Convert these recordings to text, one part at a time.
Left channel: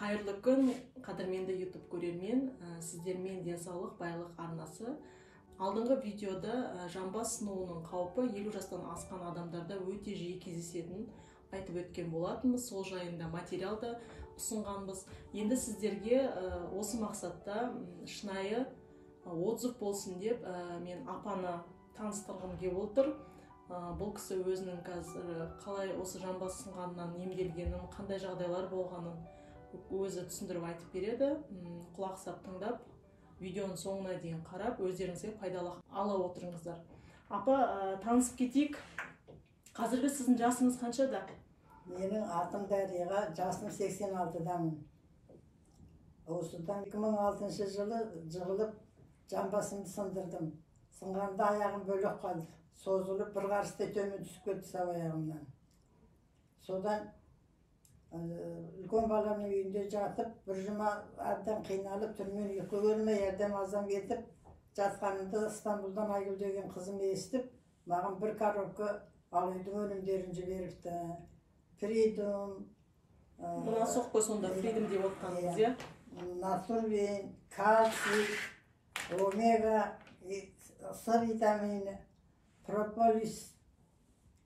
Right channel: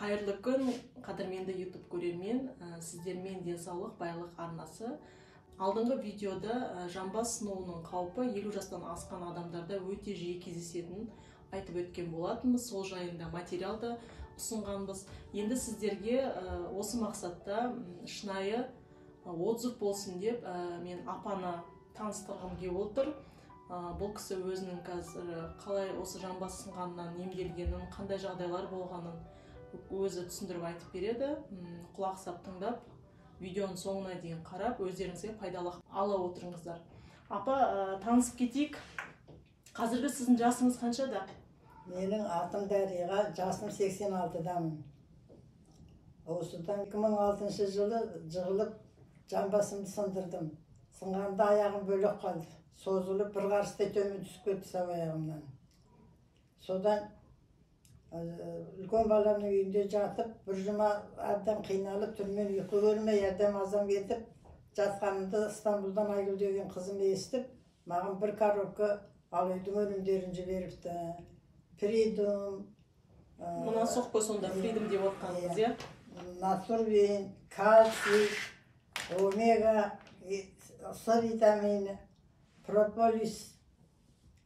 Қайырлы күн, қадірменді YouTube көрермен, сіздермен денсаулық байлық арнасы. Алдыңғы видеода жамбас сынуының қаупі 50 жастан асқан адамдарда өте жиі кездесетінін айтып өткен болатынбыз. Сол жайында материалда ұсынғанбыз. Енді сіздерге осы мақсатта шынайы отзыв болсын деп мен апаны таныстырғым келіп отыр. Бұл кісі өзінің қазір қалай осы жамбас сынғаннан емделгенін, қандай жағдайлар болғанын өзі түсіндіріп айтып береді. Құлақ сап тыңдап, видеоның соңына дейін қарап, өздеріңізге пайдалы ала отырыңыздар. Апа, танысып кетейік. Қазіргі сіздің жасыңыз қаншада? Менің атым Дариға, жасым 86-дамын. Осыдан 2006 жылы жығылып, жамбасымды сындырдым. Сынғанда аяғым бөлек қалды. Созылып, бір қарыстай төмен түсіп кетті сау аяғымнан. Содан үлкен баламның үйінде жатып, бір жұма әбден қиналып, түрмен ұйқы көрмей, әрдем азам кетіп, жатқанымда Стамбулдан Айгүл деген қызым естіп, маған бір коробка алайдың өнімдерін жіберіпті. Придум, Мұнан соқпы сонда Придум деп отқаныңыз, иә? Натурвин, кальций, омега, С витамині, прополис,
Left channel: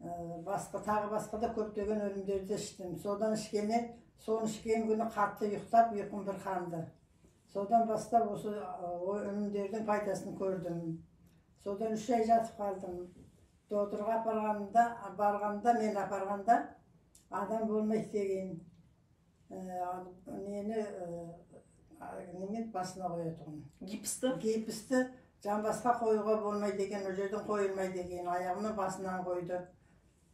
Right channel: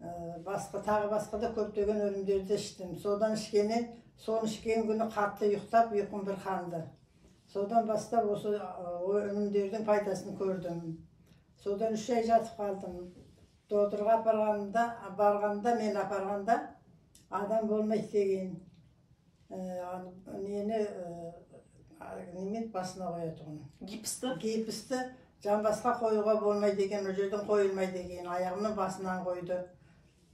тағы басқа да көптеген өнімдерді іштім. Содан ішкен күні қатты ұйықтап, ұйқым бір қанды. Содан бастап осы өнімдердің пайдасын көрдім. Содан 3 ай жатып қалдым. Докторға барғанда, мен апарғанда адам болмайды деген немен басына қоятын. Гипсті жамбасқа қоюға болмайды деген, ол жерден қойылмайды деген, аяғымның басынан қойды.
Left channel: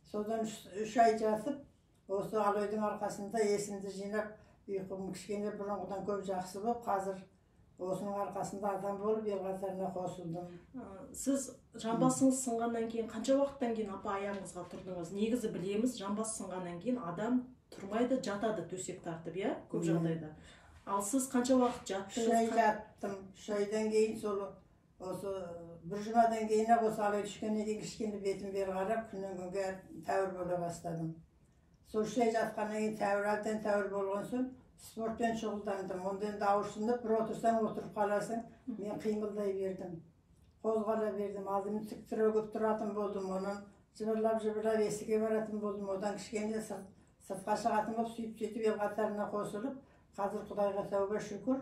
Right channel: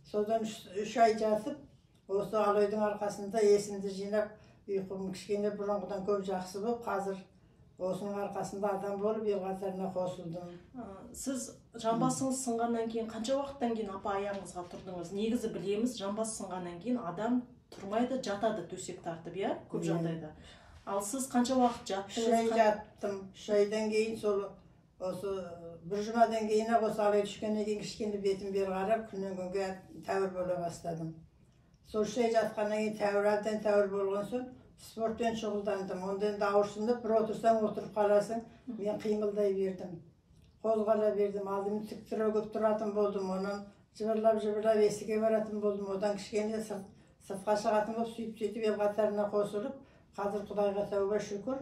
Содан 3 ай жатып, осы алойдың арқасында есімді жинап, ұйқым кішкене бұрынғыдан көп жақсы болып, қазір осының арқасында адам болып, ел қатарына қосылдым. Сіз жамбасыңыз сынғаннан кейін, қанша уақыттан кейін апа аяғыңызға тұрдыңыз? Негізі білеміз, жамбас сынғаннан кейін адам тұрмайды, жатады төсек тартып, иә, көп жағдайда. Ал сіз қанша уақыт жаттыңыз? 3 ай жаттым. 3 айдан кейін осы бір жұмадан кейін осы алай түскеннен кейін кішкене бетім бері қарап, күннен күнге тәуір бола бастадым. Сол 3 ай жатқаннан кейін әбден тәуір болған соң спортпен шұғылдандым. Онда енді ауырсынып, бір отырсаң отырып қаласың, мен қимылдай бердім. Қозғала бердім. Алдымен тік түрегіп тұратын болдым. Онан жыбырлап есікке баратын болдым. Одан кішкене сыртқа шығатын болып, сөйтіп ел қатарына қосылып, қазір Құдайға тәуба шүкір,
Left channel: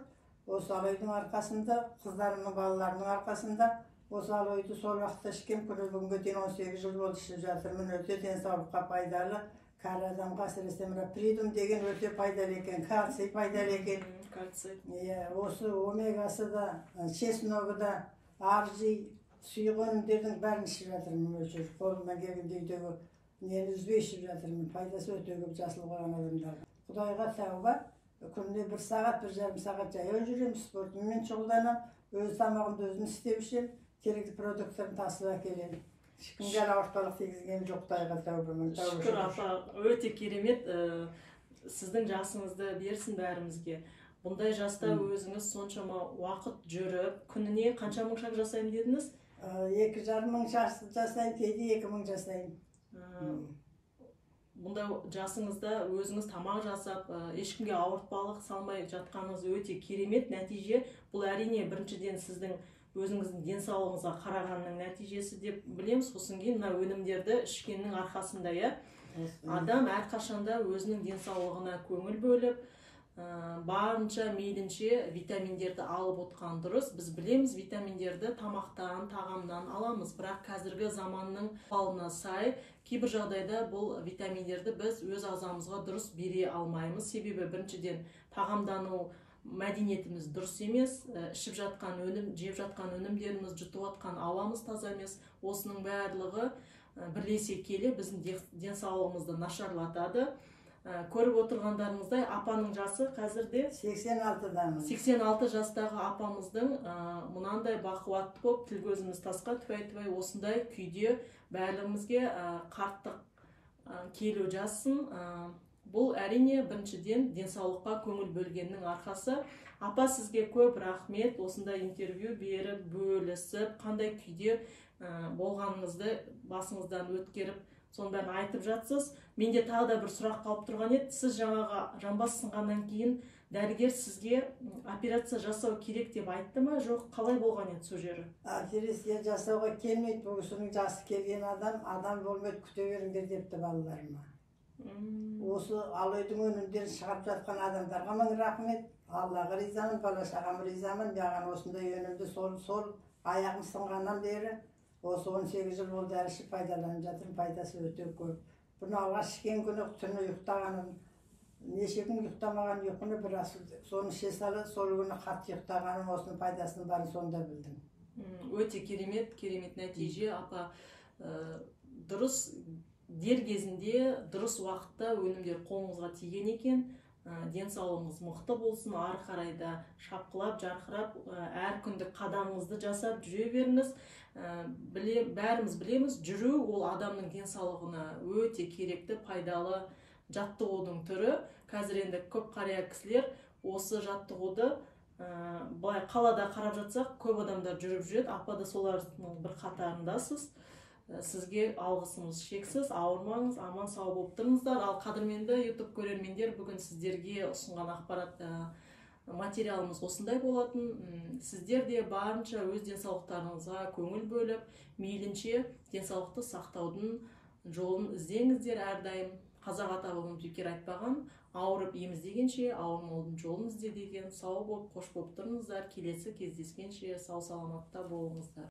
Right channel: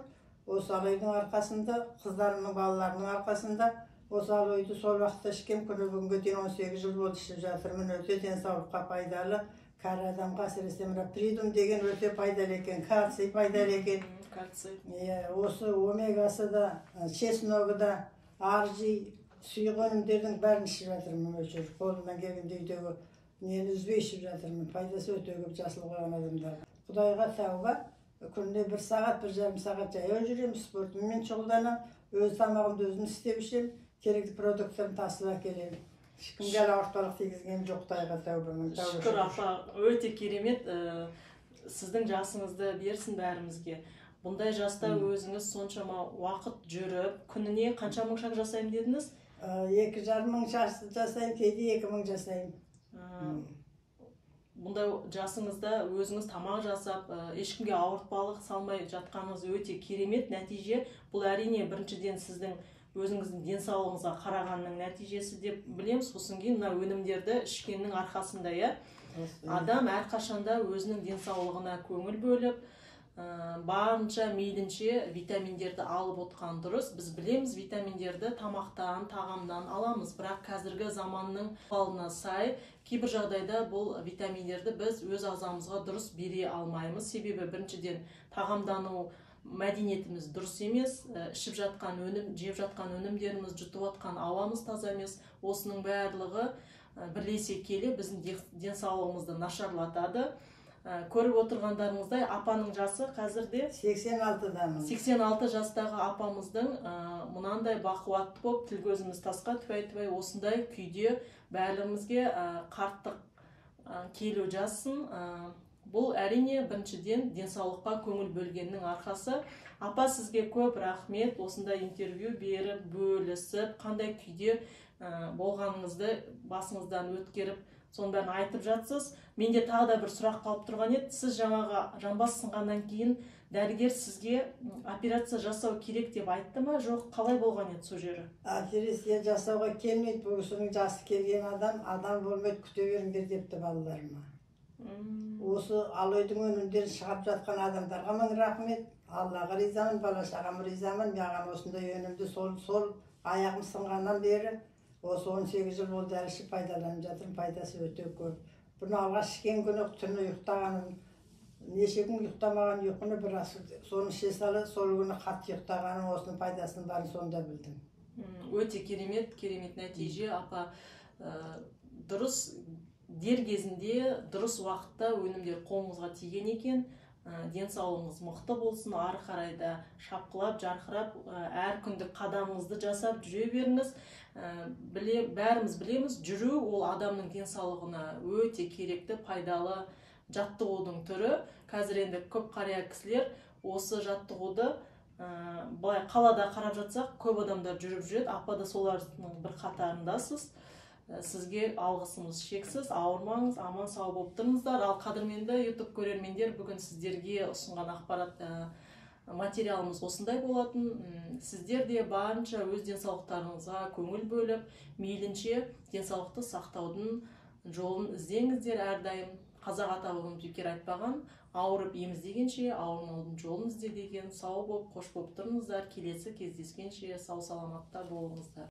осы алойдың арқасында, қыздарымның балаларының арқасында, осы алойды сол уақытта ішкен, күні бүгінге дейін 18 жыл болды ішіп жатырмын. Өте денсаулыққа пайдалы, кәрі адамға әсіресе мына Придум деген өте пайдалы екен, кальций пайдалы екен. Осы омегасы да, чесногі да, аржи, сұйық өнімдердің бәрін ішіп жатырмын. Қолымнан келгенде үйдегі нені үзбей ішіп жатырмын. Пайдасы өте көп жасыл қойған адамдарға. Құдайға тәуба. Күнде 1 сағат, 1,5 сағат жаяу жүремін, спортыммен шұғылданам, өз тамағымды өзім істеп ішем, керекті продукттарын тасып әкелемін. Ешкімге ауыртпалық тигізгенім жоқ, Құдайға тәуба. Шүкір апа, өте керемет. Сіздің жасыңызды берсін бәрімізге. Бұндай жаста өзіңіз соншама уақыт жүріп, күніне қанша мың шаг жасаймын дедіңіз? 2,5 мың жасаймын, кейде 2 мың жасаймын. Бұндай жасыңызда өзіңіз тамақ жасап, ешкімге ауыртпалық салмай жатқаныңыз өте керемет нәтиже. Бұл әрине біріншіден сіздің өзіңіздің денсаулығыңызға қарағанның нәтижесі деп білеміз. Сосын кейін мына өнімдерді ішкеннің арқасында, адам әрқашанда өзінің денсаулығына көңіл бөліп, барынша мейлінше витаминдерді алып отқан дұрыс. Біз білеміз, витаминдерді тамақтан, тағамнан аламыз, бірақ қазіргі заманның ықпалына сай кейбір жағдайда бұл витаминдерді біз өз ағзамызға дұрыс бере алмаймыз. Себебі біріншіден тағамдану мәдениетіміз дұрыс емес, ішіп жатқан өнім, жеп жатқан өнімдеріміз, жұтып жатқан ауамыз таза емес. Осының барлығы бірлесе келе біздің денсаулығымызды нашарлатады. Көріп отырғандарыңыздай, апаның жасы қазірде 86-дамын. 86 жастағы апамыздың мұнандай бақуатты болып, тіл көзіміз тасқа түбай-түбай осындай күйде бәрімізге қарттық келу жассын. Бұл әрине біріншіден денсаулыққа көңіл бөлгеннің арқасы. Апа, сізге көп рахмет, осындай интервью беріп, бөлісіп, қандай күйде болғаныңызды басыңыздан өткеріп, соның бәрін айтып жатсыз. Менде тағы да бір сұрақ қалып тұрған еді. Сіз жаңағы жамбас сынғаннан кейін дәрігер сізге операция жасау керек деп айтты ма, жоқ қалай болған еді сол жері? Операция жасауға келмейді, бұл кісінің жасы келген адам болмайды, күте беріңдер депті балаларыма. Осы алойдың өнімдерін шығарып жатқан адамдарға мың рахмет. Аллаға ризамын, бала шағама ризамын. Маған осындай өнімді сол аяғым сынғаннан бері осы 18 жыл болды, әлі ішіп пайдаланып жатырмын. Пайдасы өте көп. Бұны алғаш ішкен күні түні ұйықтағаным, неше күн ұйықтамаған ұйқыны біраз соны іше сала, сол күні қатты ұйықтағаным, осының пайдасының барын сонда білдім. Өте керемет нәтиже, апа. Дұрыс дер кезінде, дұрыс уақытта өнімдер қолыңызға тиген екен. Денсаулығыңыз мықты болсын, ары қарай да шапқылап, жарқырап, әр күндік қадамыңызды жасап жүре беріңіз. Бәріміз білеміз, жүру ол адамның денсаулығына өте керекті, пайдалы жаттығудың түрі. Қазір енді көп қария кісілер осы жаттығуды былай қалада қарап жатсақ, көп адамдар жүріп жүреді. Апа да солардың бір қатарындасыз. Сізге алғысымыз шексіз, ауырмаңыз, аман сау болып тұрыңыздар. Ал қадірменді YouTube көрермендер, бүгін сіздерге ұсынған ақпарат материалымыз осындай болатын. Сіздер де барынша өз денсаулықтарыңызға көңіл бөліп, мейлінше денсаулықты сақтаудың жолын іздеңіздер әрдайым. Қазақ атауының бекер айтпаған, ауырып еміздегенше, ауырмаудың жолын ізде деген. Сау болып, қош болып тұрыңыздар. Келесі кездескенше сау саламатта болыңыздар.